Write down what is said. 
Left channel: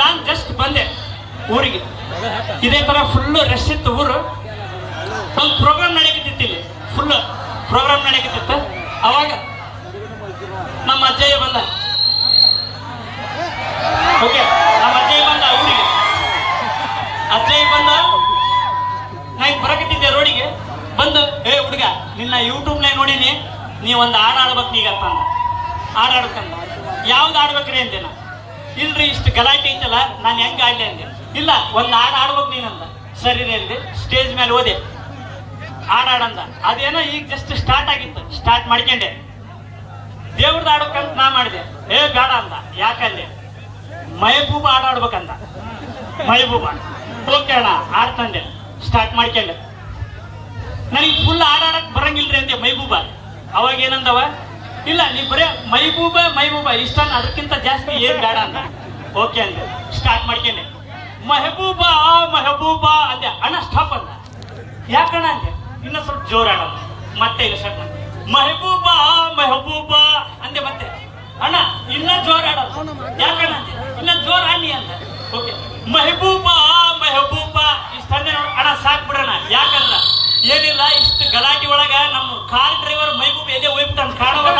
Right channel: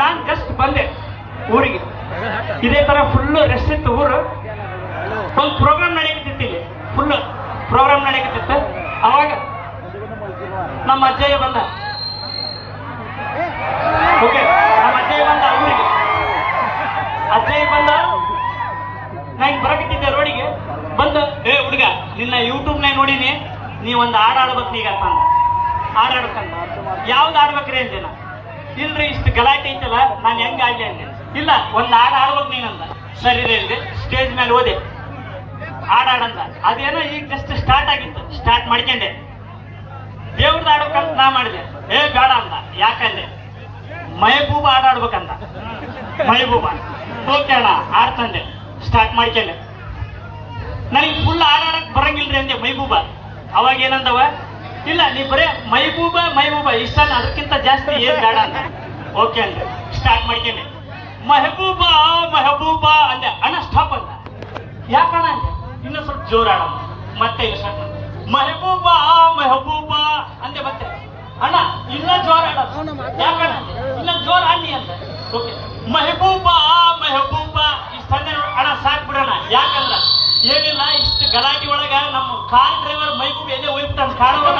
ನಾನು ಜಸ್ಟ್ ಬಂದೆ ಊರಿಗೆ. ಇದೇ ತರ ಫುಲ್ ರಶ್ ಇತ್ತು ಊರು. ಒಂದು ಪ್ರೋಗ್ರಾಮ್ ನಡೆಯಕತ್ತಿತ್ತು ಇಲ್ಲಿ. ಫುಲ್ ಪ್ರೋಗ್ರಾಮ್ ನಡೆಯಕತ್ತಿತ್ತು ಅವಾಗ ನಮ್ಮ ಅಜ್ಜಯ್ಯ ಬಂದ. ಓಕೆ ನಮ್ಮ ಅಜ್ಜಯ್ಯ ಬಂದ ಊರಿಗೆ. ಅಜ್ಜಯ್ಯ ಬಂದ ನಾನು ಬರಕತ್ತಿದ್ದೆ ರೋಡಿಗೆ. ಬಂದು, ಏ ಹುಡುಗ, ನಿನ್ನ ಯೂಟ್ಯೂಬ್ನಾಗ ನೋಡೀನಿ. ನೀ ಒಂದು ಹಾಡು ಆಡ್ಬೇಕು ಈಗ ಅಂತಂದ ಹಾಡು ಯಾವ್ದು ಆಡ್ಬೇಕ್ರಿ ಅಂತೇನ ಇಲ್ರಿ, ಇಷ್ಟು ಗಲಾಟೆ ಐತಲ್ಲ, ನಾನು ಹೆಂಗ ಆಡ್ಲಿ ಅಂದೆ. ಇಲ್ಲ, ಒಂದು ಹಾಡು ಆಡ್ಬೇಕು ನೀನಂದ. ಸರಿ ಇಲ್ರಿ ಸ್ಟೇಜ್ ಮೇಲೆ ಓದೆ. ಹಾಡಾಡಂದ ಅದೇನೋ ಈಗ ಜಸ್ಟ್ ಸ್ಟಾರ್ಟ್ ಆಗಿತ್ತು. ಸ್ಟಾರ್ಟ್ ಮಾಡ್ಕೊಂಡೆ. ದೇವ್ರದ್ದು ಆಡ್ಬೇಕಂತ ನಾ ಮಾಡಿದೆ. ಏ, ಬೇಡ ಅಂದ. ಯಾಕಂದೆ? ಮೈಬೂಬ ಆಡಾಡ್ಬೇಕಂದ. ಮೈಬೂಬ. ಓಕೆ ಅಣ್ಣ, ಆಡ್ತಂದೆ. ಸ್ಟಾರ್ಟ್ ಮಾಡ್ಕೊಂಡೆ. ನನಗೆ ಫುಲ್ ಆಡಾಡಕ್ ಬರಂಗಿಲ್ರಿ ಅಂದೆ ಮೈಬೂಬ ಅವಾಗ ಏನಂದವ ಇಲ್ಲ, ನೀ ಬರೇ ಮೈಬೂಬ ಮೈಬೂಬ ಇಷ್ಟ ಅದಕ್ಕಿಂತ ಜಾಸ್ತಿ ಏನ್ ಬೇಡ ಅಂತ. ಓಕೆ ಅಂದ್ರೆ ಸ್ಟಾರ್ಟ್ ಮಾಡ್ಕೊಂಡೆ ಮೆಹಬೂಬ ಮೆಹಬೂಬ ಅಂದೆ. ಅಣ್ಣ ಸ್ಟಾಪ್ ಅಂದ. ಯಾಕಣ ಅಂದೆ? ಇನ್ನ ಸ್ವಲ್ಪ ಜೋರ ಅಣ್ಣ ಮತ್ತೆ ಇಲ್ಲ ಸ್ಟಾರ್ಟ್ ಮಾಡಿ ಮೆಹಬೂಬ ಮೆಹಬೂಬ ಅಂದೆ ಮತ್ತೆ. ಅಣ್ಣ, ಇನ್ನ ಜೋರ ಆಡೋದು ಯಾಕಣ ಇನ್ನ ಜೋರ ಅಣ್ಣಿ ಅಂತ ಓಕೆ ಮೆಹಬೂಬ ಮೆಹಬೂಬ ಇಷ್ಟ ಅಂದೆ ನೋಡು. ಅಣ್ಣ, ಸಾಕ್ ಬಿಡೋಣ. ಯಾಕಂದ್ರ ಏನಿಲ್ಲ, ಇಷ್ಟು ಗಲಾಟೆ ಒಳಗ ನಮ್ಮ ಕಾರ್ ಡ್ರೈವರ್ ಮೈಬೂಬ್ ಎದೆ ಹೋಗ್ಬಿಟ್ಟು ಕಾಣೋಣ.